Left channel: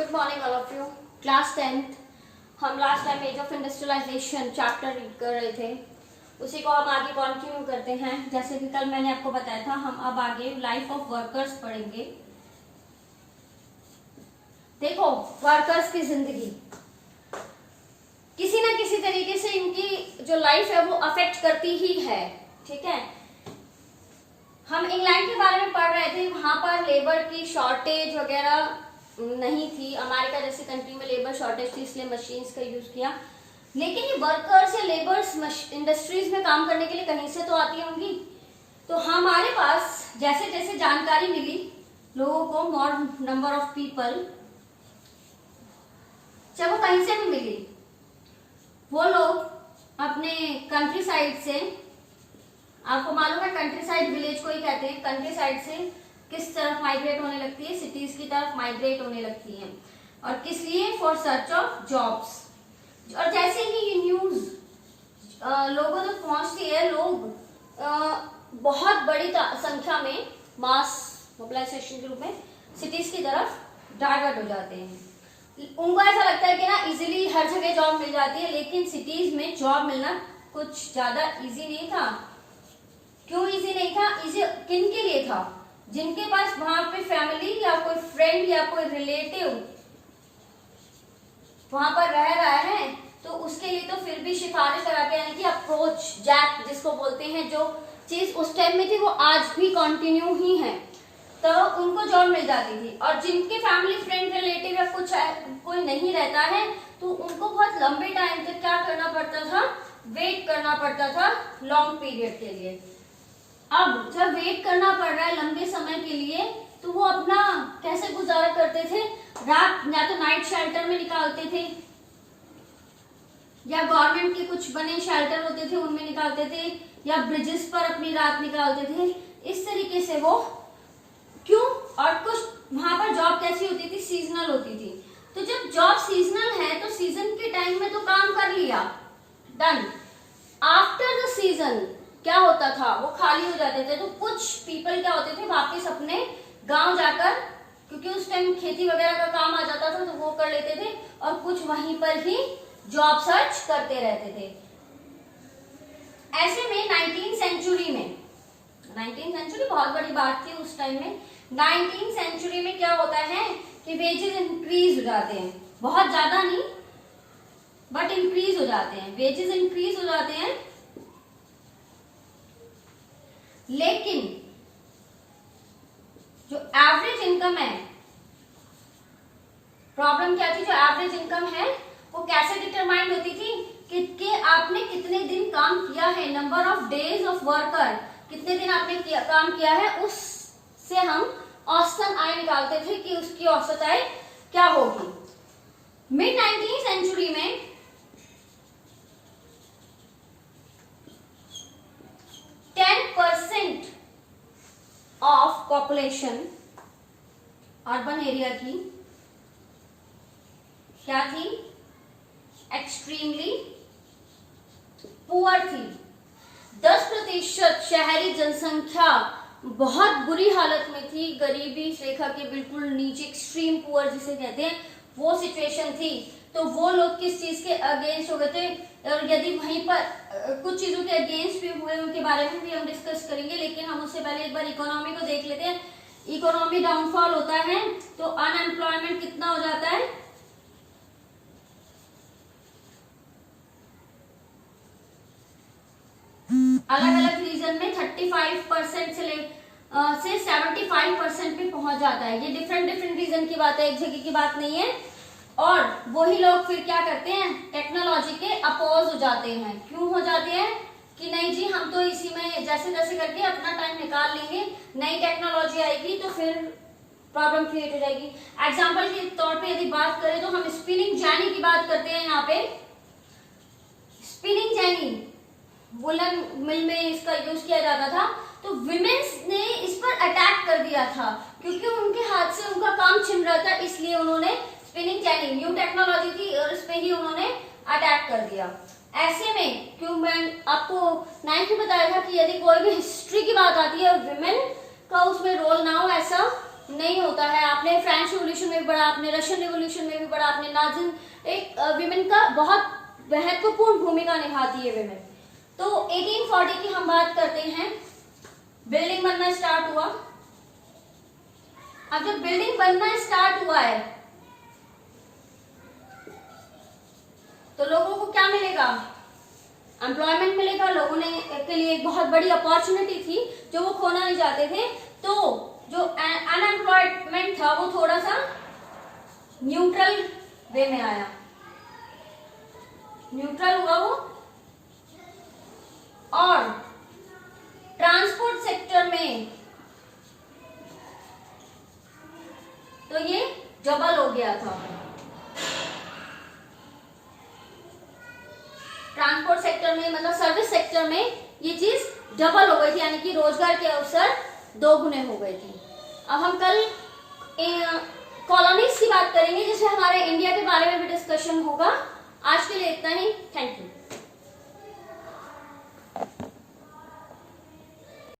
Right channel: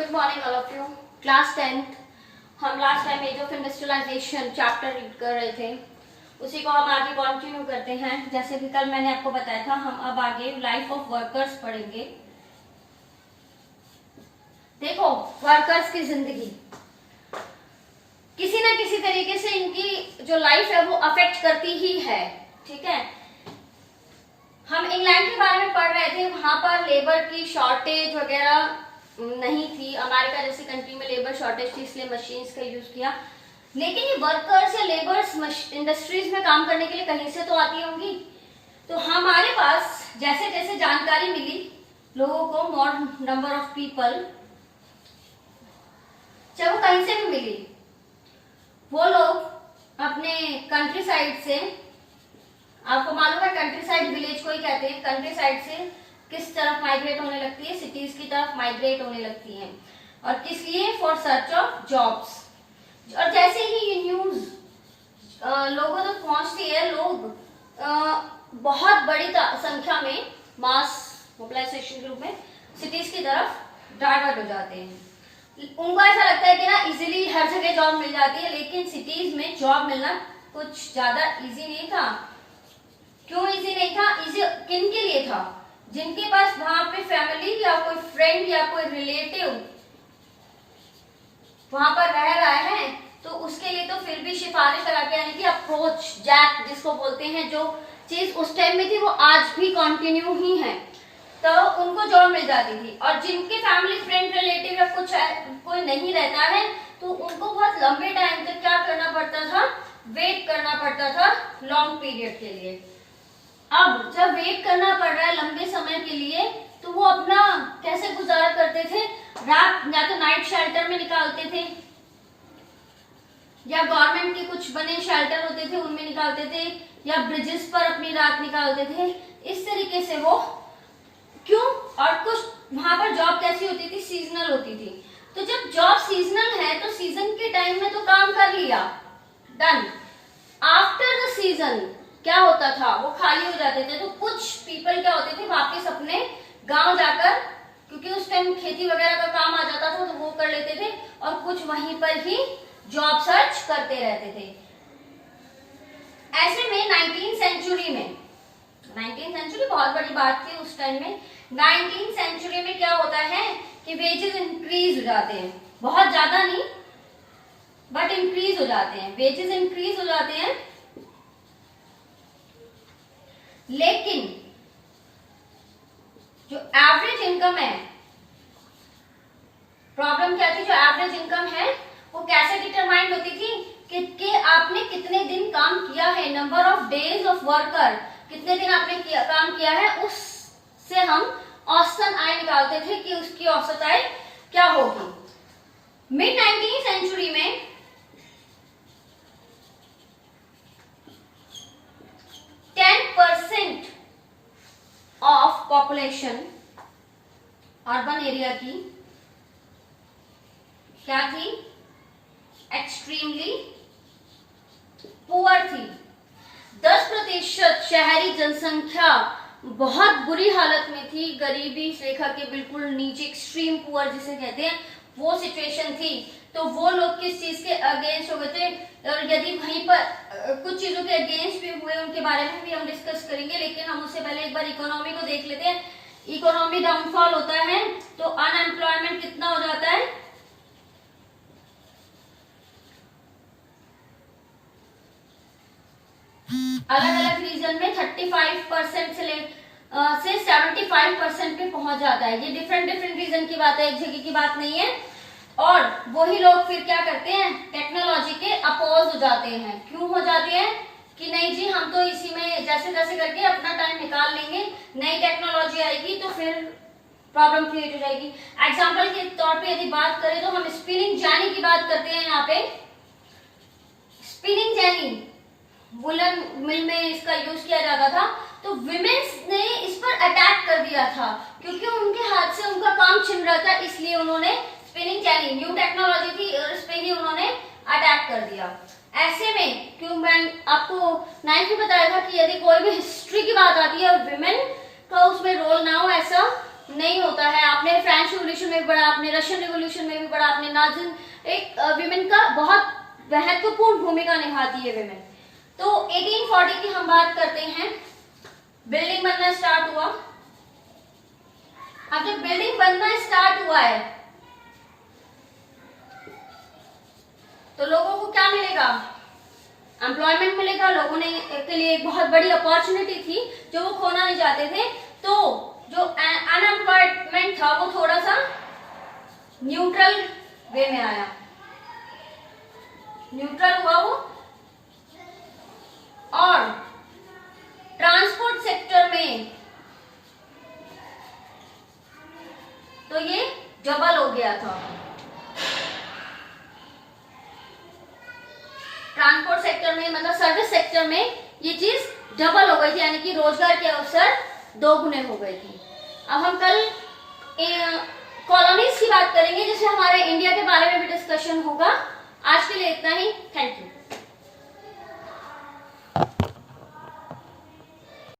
Good morning all of you. Class 10th हम last time age of industrialization chapter read कर रहे थे, उसी को हम आगे कंटिन्यू करते हैं। जैसे कि कल मैंने आपको बताया था, हम अब आगे लाइफ ऑफ वर्कर्स पढ़ेंगे। देखो, वर्कर्स की जिंदगी किसी ना किसी तरीके से इनकी जो लाइफ है वो अफेक्ट करती ही है। ठीक है, हम इंग्लैंड के बारे में पढ़ रहे थे, वहां पर लेबर की शॉर्टेज वगैरह नहीं थी। अमेरिका जैसी कंट्री में लेबर शॉर्टेज थी, इसलिए मशीन्स का यूज किया। लेकिन ये वर्कर्स या लेबर्स इंडस्ट्रीज में काम करने के लिए कहीं से तो आती होंगी। तो हमारे पास जैसे जैसे जानकारी मिली लोगों को, मोर नंबर ऑफ पीपल, चाहे वो कहीं से भी मिली, वो लोग अपने कंट्री साइड से, आपको मालूम है कंट्री साइड विलेज को ही कहते हैं, कंट्री साइड से किस तरफ माइग्रेट होने लगती है, सिटीज की तरफ माइग्रेट होने लगती है। और किस लिए? For search of jobs. और जैसे ही ये न्यूज लोगों तक पहुंचती है, लोग बहुत बड़ी संख्या में मास मोबिलाइजेशन के रूप में सिटीज की तरफ डाइवर्ट हो जाते हैं। उनको ऐसा लगता है कि ना इजीली हर जगह जॉब मिल जाती है, लेकिन सिटीज में जॉब मिलना कुछ ज्यादा इजी नहीं था। क्यों इजी नहीं था? इजी किन के लिए था? जिनके पास वहां पे फैमिली या कोई फ्रेंड या कोई रिलेटिव वहां पर रह रहा है, तो उसके लिए तो फिर भी सिफारिश लगा के, यानी कि अप्रोच जैक जिसको बोलते हैं, जो चीज उस टाइम में थी वो आज भी कंटिन्यू ही है, तो उनको जॉब मिल जाती थी। और जिनके फैमिली फ्रेंड रिलेटिव या कुछ कोई नहीं रहता है, तो उनको बहुत लंबे टाइम तक क्या करना पड़ता था? वेट करना पड़ता था लॉन्ग पीरियड के लिए। अब जब वेट करना पड़ रहा है लंबे समय के लिए, तो वो अपना कैसे गुजारा करते थे? रात या तो नाइट शेल्टर में निकालते थे, या गवर्नमेंट के कुछ बने शेल्टर होते थे उनमें निकालते थे, या ब्रिजेस पर अपनी रात निकालते थे। इस तरीके से वो क्यों? और कुछ वहां पर जॉब कैसी होती थी? सीजनल होती थी। तो जब जॉब सीजनल है तो सीजन के टाइम में तो काम कर लिया, डन। आफ्टर द सीजन क्या होता था? वो खाली हो जाते थे। तो कुछ पीपल क्या होते थे, वापस अपने गांव जाकर, क्योंकि उस टाइम खेती वगैरह का काम आ जाता था, तो वो कर लेते थे, और कुछ वहीं पर ही जॉब सर्च करते रहते थे। ऐसे में 19th सेंचुरी में, 19th सेंचुरी बहुत बड़ी बात थी उस टाइम में, 19th सेंचुरी में क्या होता है कि वेजेस इंक्रीज हो जाते हैं, बहुत ज्यादा नहीं बट इंक्रीज हो जाते हैं, वेजेस इंक्रीज हो जाते हैं। लेकिन जो एवरेज इनकम है, प्रॉब्लम क्या थी? जो एवरेज इनकम है वो कैसे डिटरमाइंड होती थी कि आपने कितने दिन काम किया है, number of days of worker, कितने दिन आपने काम किया है, उससे हम औसतन आय निकालते थे कि उसकी औसत आय क्या होगी। मिड 19th सेंचुरी में 10% ऑफ पॉपुलेशन अर्बन एरिया की क्या थी? एक्सट्रीमली पुअर थी। 10% शहरी जनसंख्या बहुत बुरी हालत में थी, गरीबी रेखा के बिल्कुल नीचे, एक्सट्रीम पुअर जिसे कहते हैं, वो सिचुएशन थी। तो वो लोग किस चीज के अगेंस्ट हो गए थे? और यदि वहीं पर कुछ चीजों के अगेंस्ट भी हुए, उनके बारे में भी हम डिस्कस करेंगे, लेकिन हम उससे पहले एक बार इकोनॉमी को देख लेते हैं। इकोनॉमी डाउनफॉल होता है तो अनएम्प्लॉयमेंट कितना हो जाता है? अलग अलग रीजन में 35% से 75% पे पहुंच जाता है। ये डिफरेंट रीजन की बात है, एक जगह की बात नहीं है। और वही लोग फिर क्या करते हैं? टेक्नोलॉजी के अपोज हो जाते हैं। क्यों हो जाते हैं? कि नहीं जी, हम तो इसी में जैसे जैसे करके अपना टाइम निकाल लेंगे, नई टेक्नोलॉजी आएगी तो फिर प्रॉब्लम क्रिएट हो जाएगी। एग्जाम्पल के तौर पे यदि बात करें तो हम स्पिनिंग जेनी की बात करते हैं। यहाँ पे स्पिनिंग जेनी, वुलन मिल में इसका यूज किया जाता था, तो विमेन्स ने इस पर अटैक कर दिया था, क्योंकि उनके हाथ से उनका काम छिन रहा था, इसलिए उन्होंने स्पिनिंग जेनी, न्यू टेक्नोलॉजी थी, और इस पे ही उन्होंने अटैक कर दिया। ऐसे में क्यों मैं आपको 9th में बताया था कि यदि कोई भी हिस्ट्री की बात आती है और विमेन का उसमें रोल ना हो, ऐसा नहीं होता है। आपने फ्रेंच रिवॉल्यूशन में भी पढ़ा, आपने रशियन रिवॉल्यूशन में भी पढ़ा, आपने नाजिन, एक विमेन का बहुत महत्वपूर्ण भूमिका निभाती है विमेन। तो 1840 की हम बात करते हैं, बिल्डिंग बनना स्टार्ट हुआ। अब जब बिल्डिंग बनना स्टार्ट हुआ है तो लोगों को क्या मिलेगा, एम्प्लॉयमेंट मिलेगा। लोगों ने के लिए एक बहुत बड़ी अपॉर्चुनिटी थी जो वो खोना नहीं चाहते थे। तो जो अनएम्प्लॉयमेंट था वो थोड़ा सा न्यूट्रल वे में आया, न्यूट्रल हुआ वो। और ट्रांसपोर्ट सेक्टर में तो ये डबल हो गया था। ट्रांसपोर्ट सेक्टर में मतलब सर्विस सेक्टर में ये चीज डबल हो गई थी, यानी कि रोजगार के अवसर दोगुने हो गए थे। अब हम कल कॉलोनीज की बात करेंगे जिसमें हमारे इंडिया के बारे में भी डिस्कशन होगा। आज के लिए इतना ही, थैंक यू।